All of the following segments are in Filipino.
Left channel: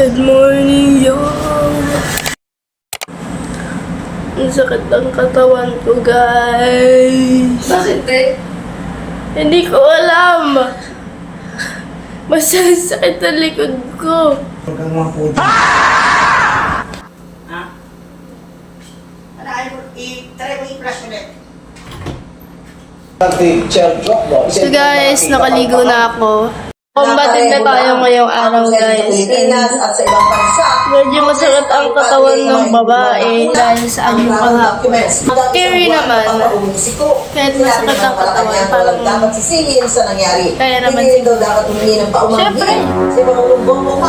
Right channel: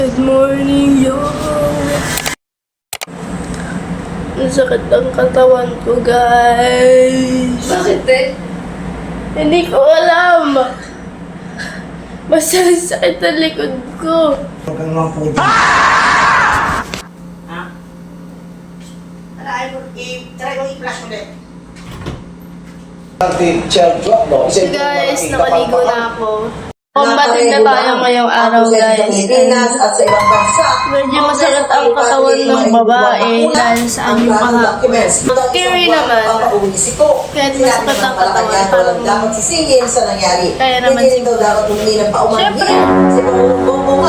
Good morning, yo! Ang sakit ang katawan ko, guys. Bakit eh? Hindi ko alam. Basta ang sakit ang likod ko. Ha? Try mo i-flash ulit. So guys, nakaligo na ako. Combating na tayo ngayong araw, guys. Medyo masakit ang katawan ng babae dahil sa anyong kahapon. Scary naman. Kahit masakit ang katawan, parang kaya naman siguro. Siyempre,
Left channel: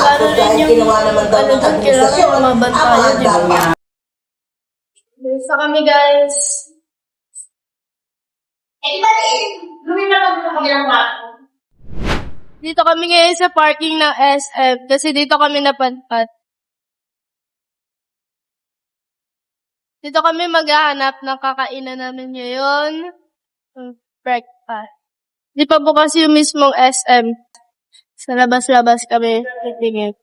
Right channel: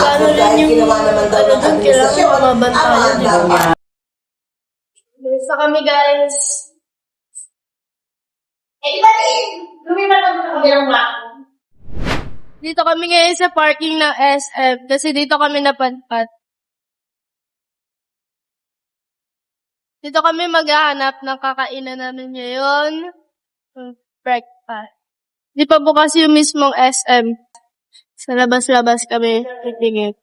kano rin yung ano dun, kailangan mabantayan, di ba? Bisa kami, guys. Dito kami ngayon sa parking ng SM kasi dito kami napadpad. Dito kami maghahanap ng kakainan namin ngayon. Breakfast. Di pa bukas yung mismong SM. Sa labas-labas kami titingin.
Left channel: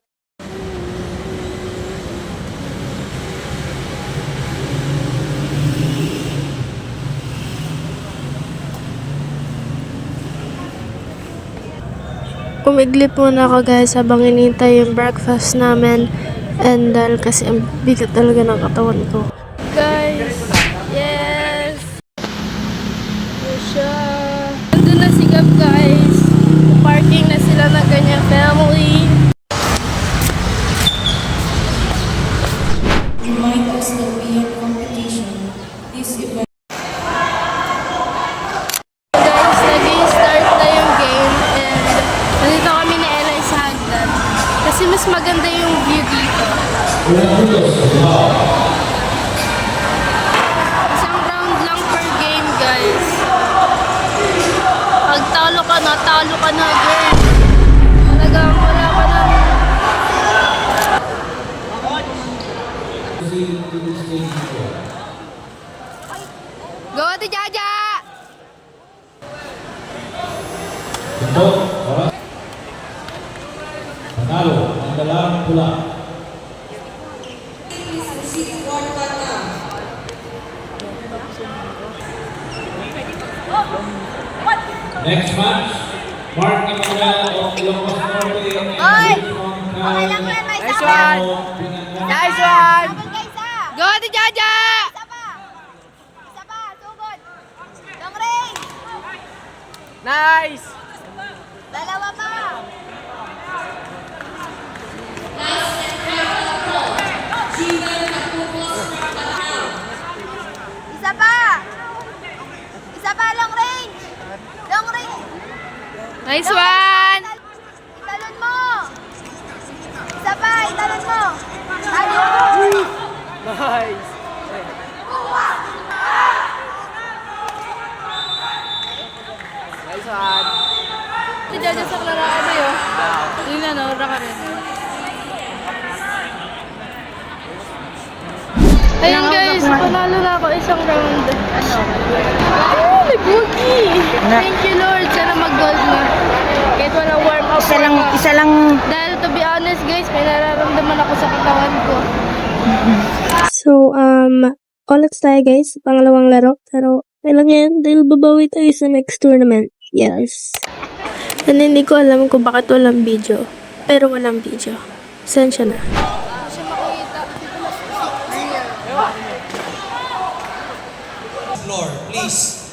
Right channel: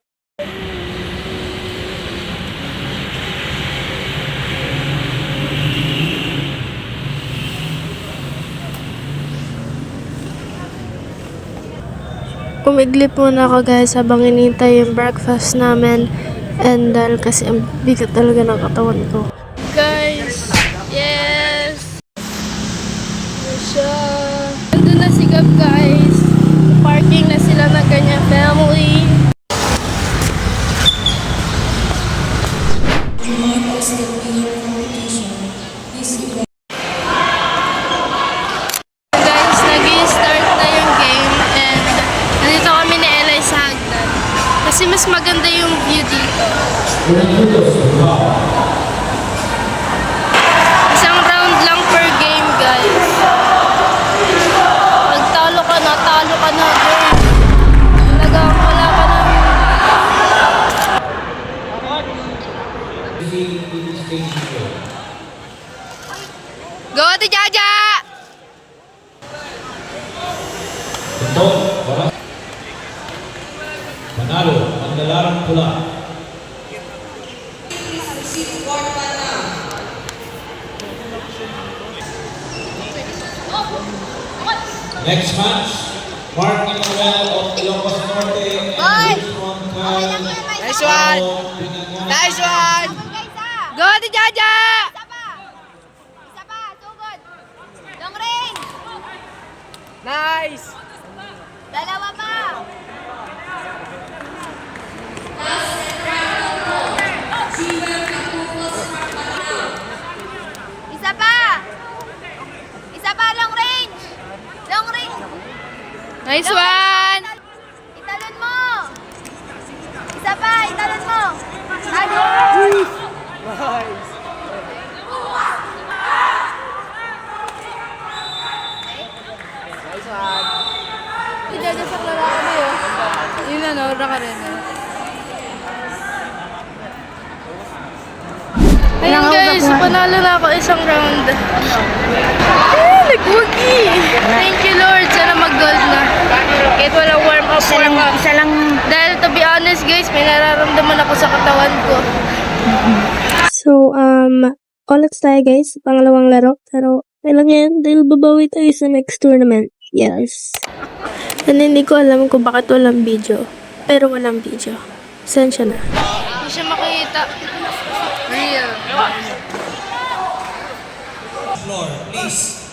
Kumiglit muna ako, guys, habang hinihintay yung breakfast namin. And dahil kasi ang bigat talaga ng katawan ko. Guys, yes! Siya. Nandun na si Gab, guys. Parking na sila ng kanyang family. Guys, nag-i-start na yung game and nandito kami ni Eli sa hagdan. Kasi mas maganda yung view dito. Isang round lang per game, guys. Pag talo ka na, girl. Talagang wala ka na. Go, Ate Jaja! Manalo, ang dalarang pula. Next match, Mark Nicolao of Ilocos Norte and Richmond Cal. Nice one! Nice one! Go, Ate Jaja! Isa pa, sugod. Long range. Nice! Dalawa pa. Isa pa. Isa pa, long range. Long range. Nice one! Italon mo. Isa pa, italon mo. Nice! Nice one! Ate Jaja sa klaro kami, oh. Yun na, naura ka rin, eh. Ayun, guys, panalo na ako isang round. Nagwagi! Thank you, Lord. Sana mag-gold na. Kahit walang warm-up. Isa lang. Dahil to be honest, guys, may nararamdaman ako sa katawan ko. So, ulit tayo, guys. Pangalawang laro. Pero, kailan yan? Dahil babawi tayo sa next tournament. Yes. And hindi ko alam kung bakit walang video. Pero walang video. Sensya na. Hindi siya makita. Real. Floor, please.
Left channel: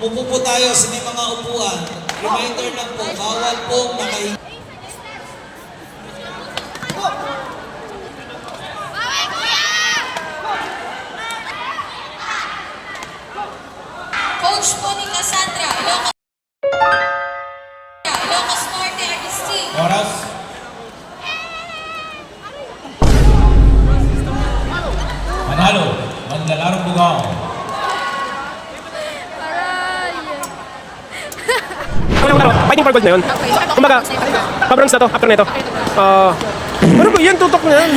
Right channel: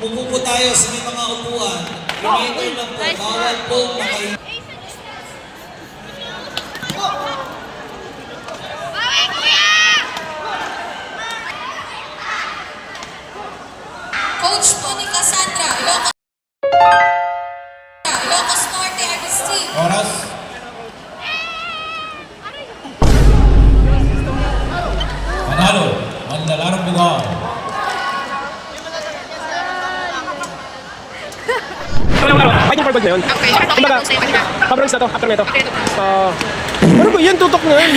Upo po tayo sa may mga upuan. Reminder lang po, bawal po makain. Coach Monica Sandra, Ilocos Norte, Agustin. Oras. Manalo, ang dalarang bugaw. Fighting for gold na yun. Kumbaga, pa-bronze na to, after na ito. Ano ba yan? Tutok na yan.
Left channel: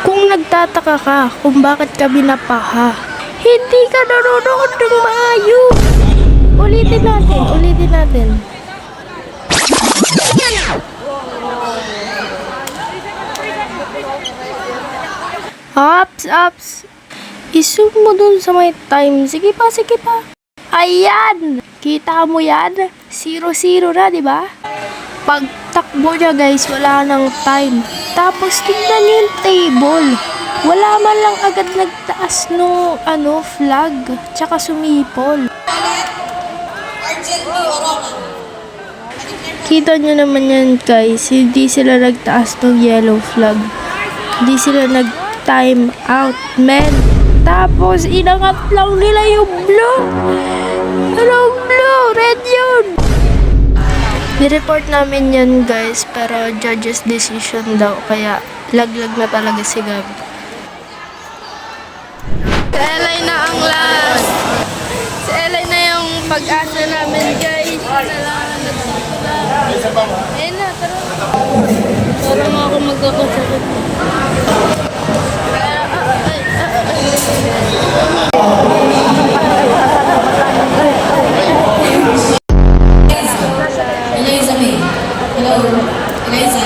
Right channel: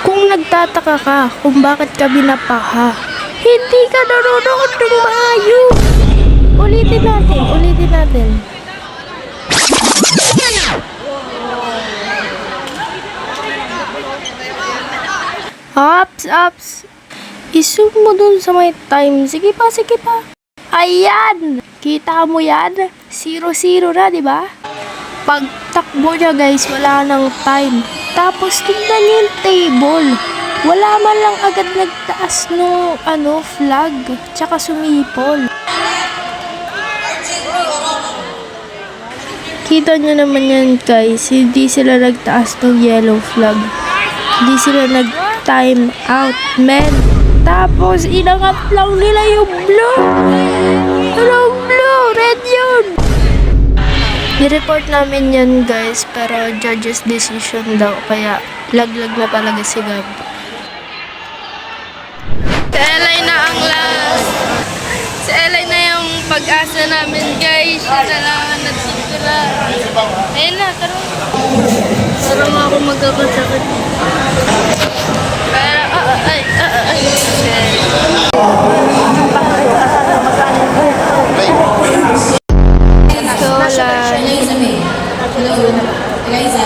Kung nagtataka ka kung bakit ka binapaha, hindi ka nanonood ng maayos. Ulitin natin. Ups. I-zoom mo dun sa may time. Sige pa. Ayan! Kita mo yan? 0-0 na, di ba? Pagtakbo niya guys, wala nang time. Tapos tingnan niyo yung table. Wala man lang agad nagtaas no flag. Tsaka sumipol. Kita niyo naman yan guys. Hindi sila nagtaas ng yellow flag. Hindi sila nag-time out, men. Tapos inangat lang nila yung blue. Anong blue? Red yun. Ni-report namin yan guys, pero judge's decision daw, kaya laglag na talaga si Gab. Si Elay na ang last. Si Elay na yung pag-asa namin guys. Siya na lang ang nagsisila. Ayun na, tara. Parang ako magkakasakit. Pero, ay.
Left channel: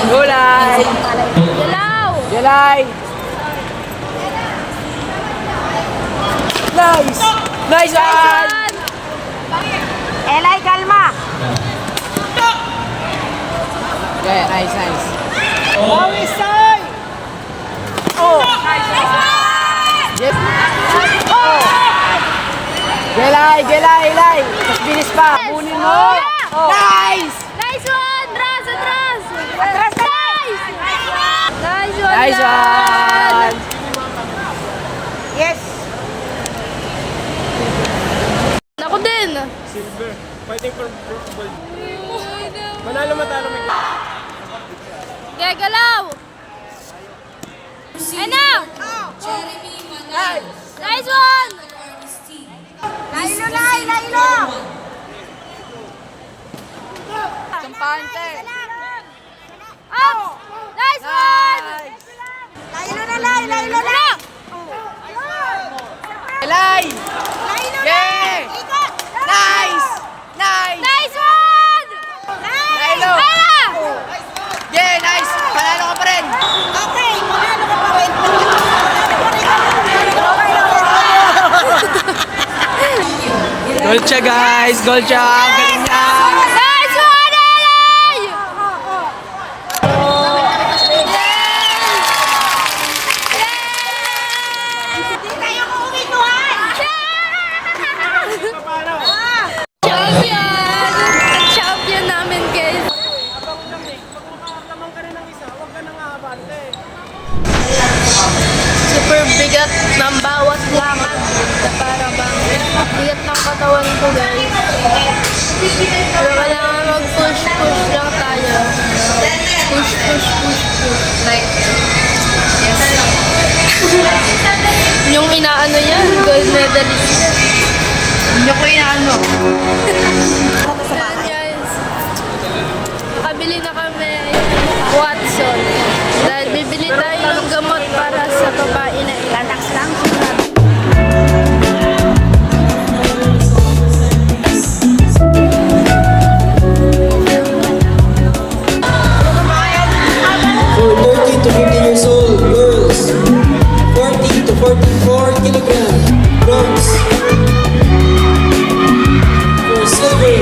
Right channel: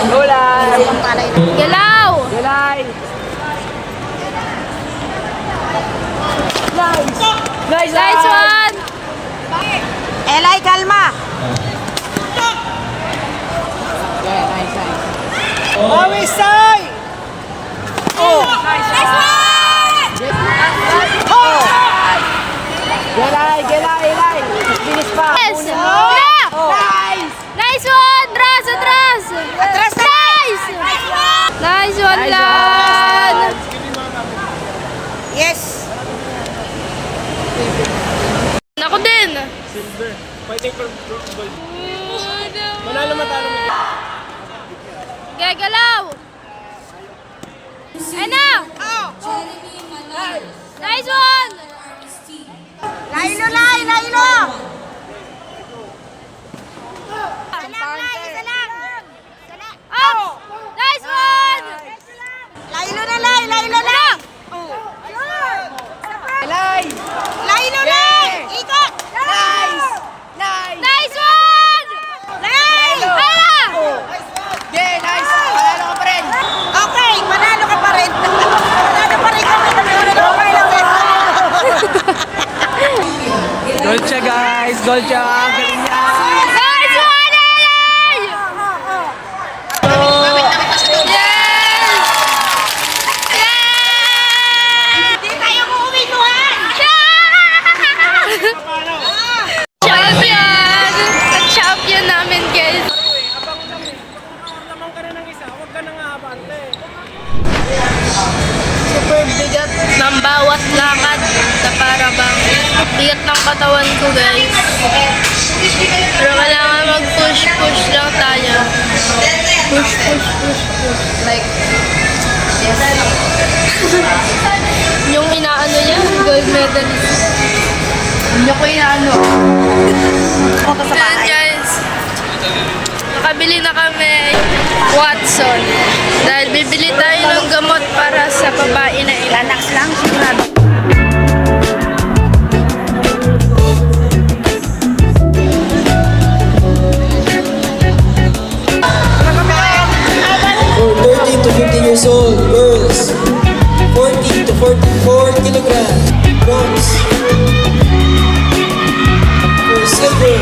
Gulay! Galaw! Gulay! Nice one! Elay, kalma! Okay, nice. Always side! Gelay! Bilis pa! Yes! Kunin mo! Nice! Nice one! Atras! Nice! Nice one, Nice Lan! one! Yes! Ako din! Silver. Fighting for gold. Manalo matalo may. Gagalaw! Ay na! Nice one! Lailo! Up! Nice one! Lailo na! Ano? Gelay! Lailo na! Yay! Ikot! Nice! Nice one! Nice! Ay na! Yeah, nice! Panalo ka pa rin! Okay, manalo ka pa rin. Gold siya guys! Gold siya! Ang galing niya! Nice one, Elay! Hindi kayo kumikuhan! Champion! Champion namin, guys. Super bigat ng bawat lakad na para bang bigat ng katawan ko, guys. Pero kailangan mag-push lang tayo. Push. Like, yes. Yung inaano yan, gold medalist. Hindi ko inaano. Ayan guys, nakabili na kami Watson dahil bibili tayo ng gamot para sa babae na ilan. Lang siya. For 13 to 15 years old, girls, 14 to 44 kilogram, bronze. For silver,